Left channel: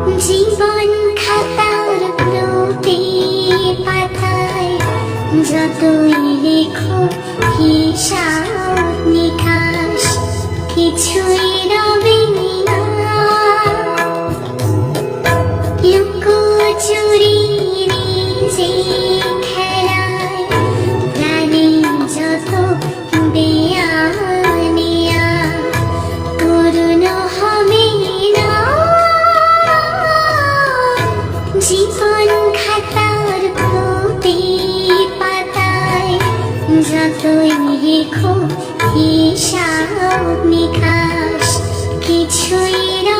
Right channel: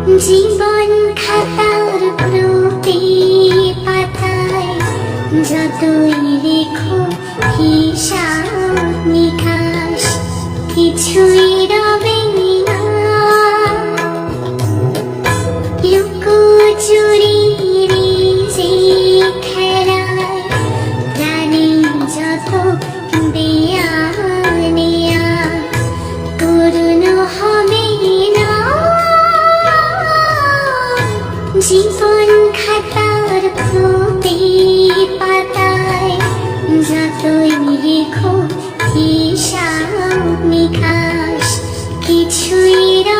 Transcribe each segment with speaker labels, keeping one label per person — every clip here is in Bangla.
Speaker 1: জীবন খাতার প্রতি পাতায় যতই লেখো হিসাব নিকাশ কিছুই জীবন খাতার প্রতি পাতায় যতই লেখো হিসাব নিকাশ কিছুই রবে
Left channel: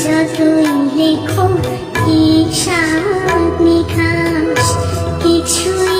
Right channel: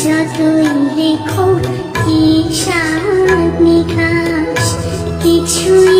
Speaker 1: যতই লেখো হিসাব নিকাশ কিছুই